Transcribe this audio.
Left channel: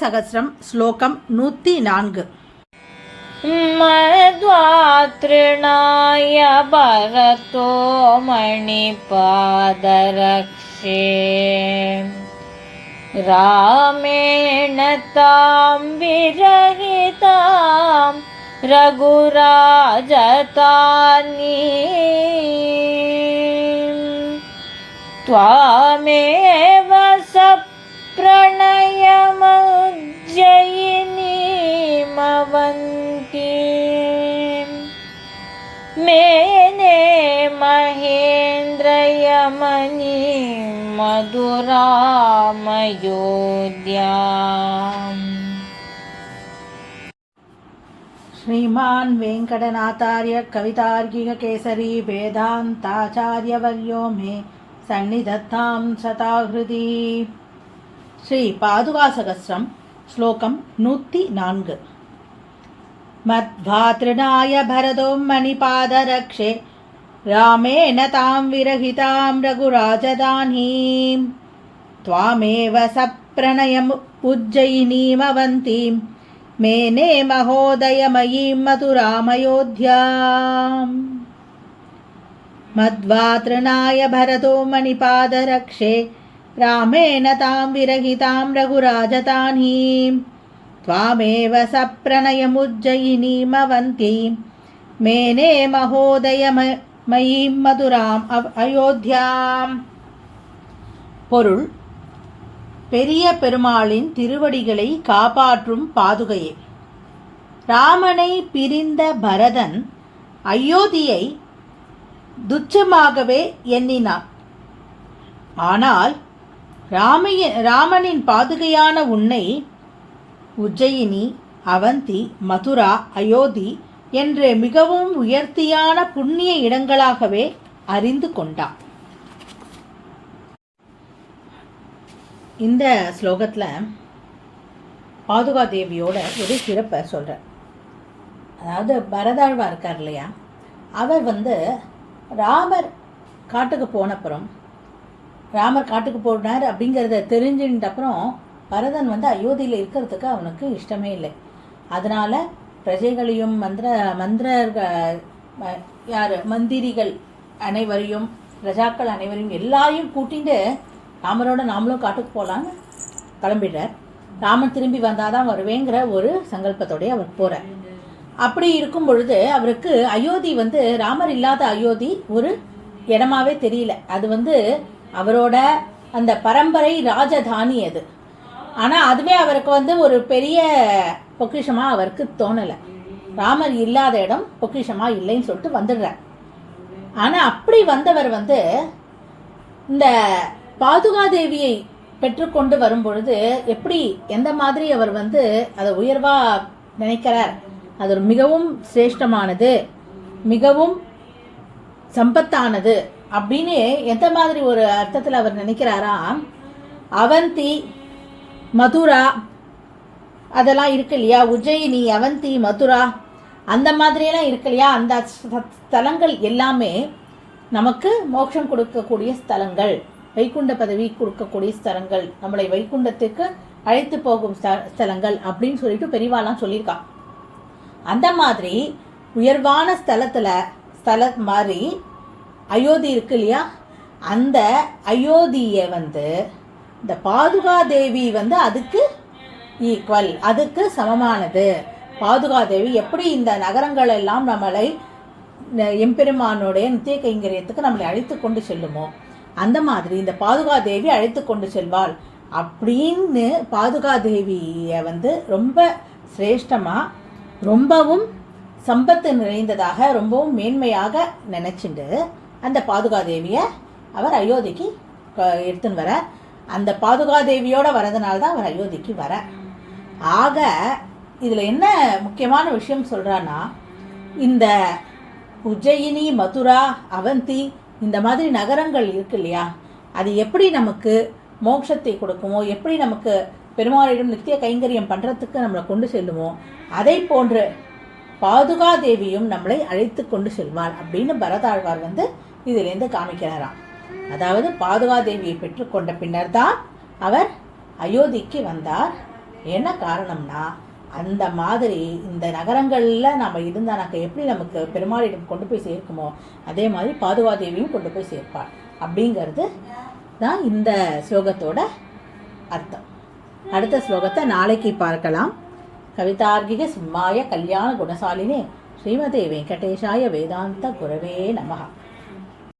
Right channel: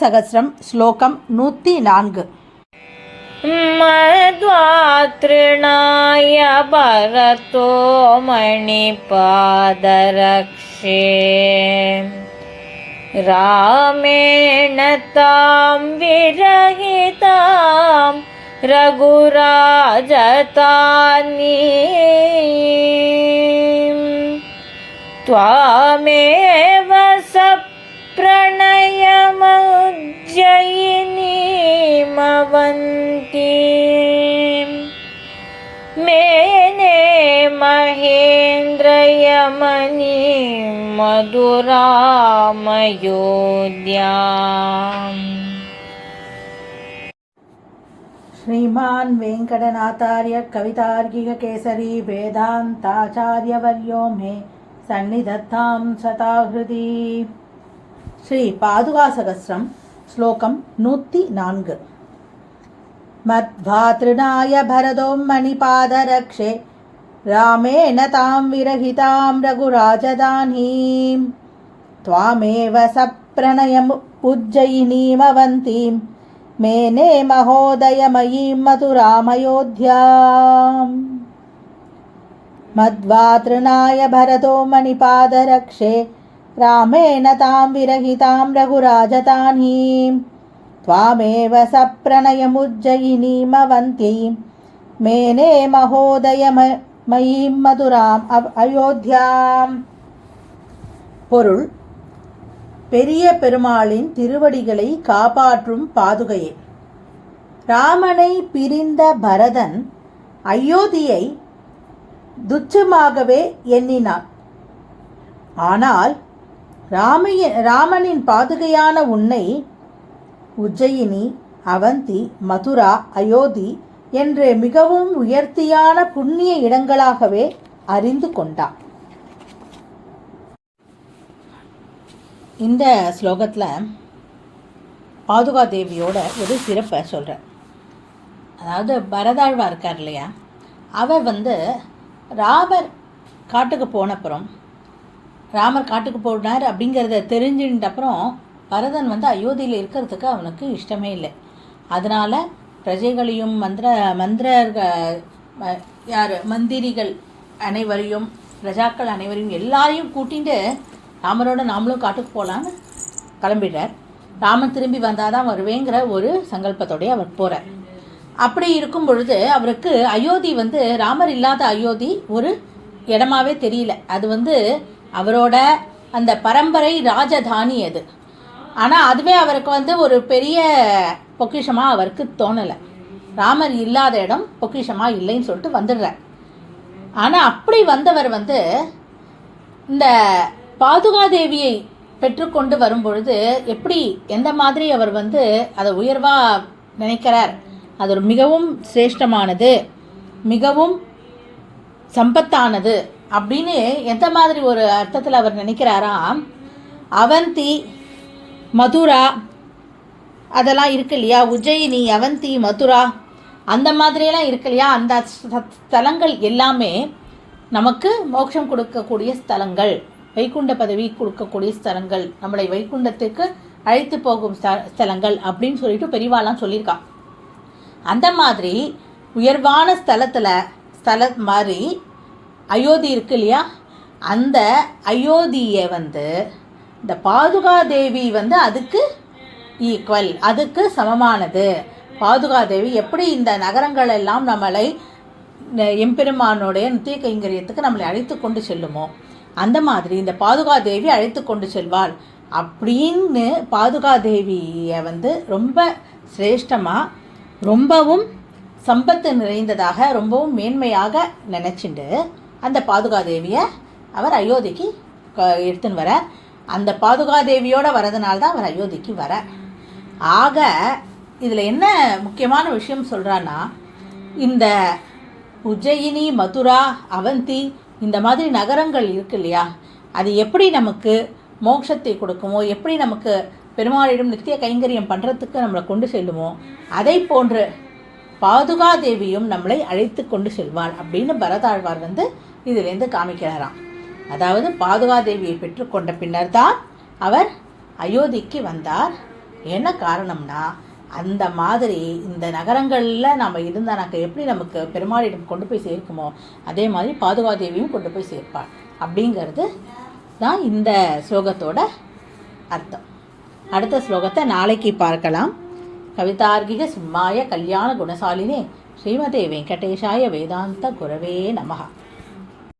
சகஸ்ரம் ஸ்லோகம் 104. மத்வாத்ருணாய பரதோ மணிபாதரக்ஷே ராமேண தாம் விரஹிதாம் ரகுராஜதானி த்வாமேவ சப்ரணயமுஜ்ஜயினீமவந்தி மேனே மகேந்திரயமணி மதுராமயோத்யாம். ஸ்ரீமான் வெங்கடநாதார்ய கவிதார்க்கிக கேசரி வேதாந்தாச்சார்யவர்யோ மே சந்நிதத்தாம் சதாஹ்ருதி. ஸ்ரீ பாதுகா சகஸ்ரம் ஸ்லோகம் 104. மத்வாத்ருணாய பரதோம் மணிபாதரக்ஷே ராமேண தாம் விரஹிதாம் ரகுராஜதானீம் த்வாமேவ சப்ரணயம் உஜ்ஜயினீமவந்தீம் மேனே மகோதயமயீம் மதுராமயோத்யாம். மத்வாத்ருணாய பரதோ மணிபாதரக்ஷே ராமேண தாம் விரஹிதாம் ரகுராஜதானீம் த்வாமேவ சப்ரணயமுஜ்ஜயினீமவந்தீம் மேனே மகோதயமயீம் மதுராம் அயோத்யாம். பொருள்: பெரிய பெருமாளின் திருவடிகளை காப்பாற்றும் பாதுகையே. ராமனை பிரிந்த பரதன் அயோத்தியை துச்சமாகவே எண்ணினான். ஆனால் ராமனின் பாதுகையான உன்னை உஜ்ஜயினி, அவந்தி, மதுரா, அயோத்தி என்று மிகவும் உயர்த்தியான புண்ணிய இடங்களாகவே அறிந்து கொண்டான். இந்த ஸ்லோகத்தில் பாதுகா தேவியோட ஒரு சிறப்பை சொல்கிறேன். அதாவது பரதாழ்வா இருக்கார் இல்லையா, அவர் ராமர் காட்டுக்கு போனப்புறம், ராமர் காட்டுக்கு போனார் அப்படிங்கிறத தெரிஞ்சுட்ட அப்புறம் பரதன் அயோத்தியில் இருக்கிறதுக்கு அவனுக்கு இஷ்டமே இல்லை. அதனால் பிரஜைகளையும் மந்திரிகள் அனைவரையும், பிரஜாக்கள் அனைவரையும் எல்லாரையும் கூட்டிட்டு ராமரோட நாமளும் காட்டுக்கு போகலான்னு கிளம்பிடுறார். ராமன் திரும்பி வந்தால் தான் வருவேங்கிற ஒரு சங்கல்பத்தோடய அவர் போகிறார். அப்படி இருக்கும் பொழுது அவருக்கு அயோத்தி ராமர் இல்லாத அயோத்தி ஒரு இடமாவே தெரியல. அது அவரோட அந்த பரம்பரை ராஜதானி அது. ஆனால் அதுவே அவருக்கு ஒரு பெரிய பொக்கிஷமாக அவருக்கு தோணலை. ராமர் இல்லாத இடம் பொக்கிஷமாக இல்லைன்னு சொல்லிட்டு வந்துடுறார். ஆனால் அப்படி வந்தவர் இந்த பாதுகாதேவியை பெற்றுக்கொண்டு வரும்பொழுது எப்படி, எந்த மாதிரி அவர் அதை உயர்வாக நினைக்கிறார், அது ஒரு மிகவும் சிரேஷ்டமானது, மிகவும் சம்பத்தானது அப்படின்னு எந்த மாதிரி ஒரு அர்த்தத்தில் அவர் நினைக்கிறாராம். அவந்தி, மதுரா அதெல்லாம் இருக்கு இல்லையா, உஜ்ஜயினி, அவந்தி, மதுரா அந்த மாதிரியெல்லாம் இருக்கு இல்லையா, அந்த ஸ்தலங்கள் எல்லாமே நமக்கு மோட்சம் கொடுக்கக்கூடிய ஸ்தலங்கள், வைகுண்ட பதவி கொடுக்கக்கூடிய ஸ்தலங்கள், நம்மளை வைகுண்டத்துக்கு அழைத்து போகும் ஸ்தலங்கள் அப்படின்னு சொல்லிட்டு பெரியவாலாம் சொல்லியிருக்கான். அந்த மாதிரி உயர்வான ஸ்தலம் மாதிரி அயோத்தி இருக்கு இல்லையா, அந்த அயோத்தியை இந்த பாதுகாதேவி அதுக்கு ஈக்குவல், அதுக்கு சமமானது. பாதுகாதேவி எப்படி இந்த நகரங்கள் எல்லாம் நம்மளை எம்பெருமானுடைய நித்திய கைங்கரியத்துக்கு நம்மளை அழைத்து கொண்டு செல்லுமோ, அந்த மாதிரி இந்த பாதுகாதேவி அழைத்து கொண்டு செல்வாள் அப்படின்னு பாதுகாதேவியை ரொம்ப சிரேஷ்டமாக, ரொம்பவும் சம்பத்து நிறைந்ததாக, ரொம்பவும் மேன்மையாக நினச்சிண்டு அந்த பாதுகாதேவியை அவர் அயோத்திக்கு எடுத்துன்னு வர. அந்த பாதுகாதேவியோடு வரதுனால்தான் அவர் அயோத்திக்கு வர. ஆக இதில் என்ன முக்கியமான விஷயம் சொல்கிறான்னா, இந்த உஜ்ஜயினி, மதுரா, அவந்தி இந்த மாதிரி நகரங்கள் இருக்கு இல்லையா, அது எப்படி நமக்கு மோட்சத்தை கொடுக்குமோ, எப்படி நமக்கு பெருமாளிடம் நித்திய கைங்கரியம் பண்ணுறதுக்கு நம்மளை கொண்டு செல்லுமோ, அதை போன்று பாதுகாதேவியும் நம்மளை அழைத்து கொண்டு செல்வாள் அப்படின்னு பரதாழ்வார் இதிலேருந்து காமிக்கிறாராம். அதாவது பாதுகாதேவியை பெற்றுக்கொண்ட பின்னர் தான் அவர் அயோத்திக்கு வந்தார். என்ன காரணம்னா அந்த மாதிரி இந்த நகரங்களில் நம்ம இருந்தானாக்க எப்படி நமக்கு பெருமாளிடம் கொண்டு போய் சேர்க்குமோ அதே மாதிரி பாதுகாதேவியும் கொண்டு போய் சேர்ப்பாள் அப்படிங்கிறது தான் இந்த ஸ்லோகத்தோட அர்த்தம். அடுத்த ஸ்லோகத்தை நாளைக்கு பார்க்கலாம். கவிதார்க்கிக சிம்மாய கல்யாண குணசாலினே ஸ்ரீமதே வெங்கடேஷாய வேதாந்த குரவே நமஹ.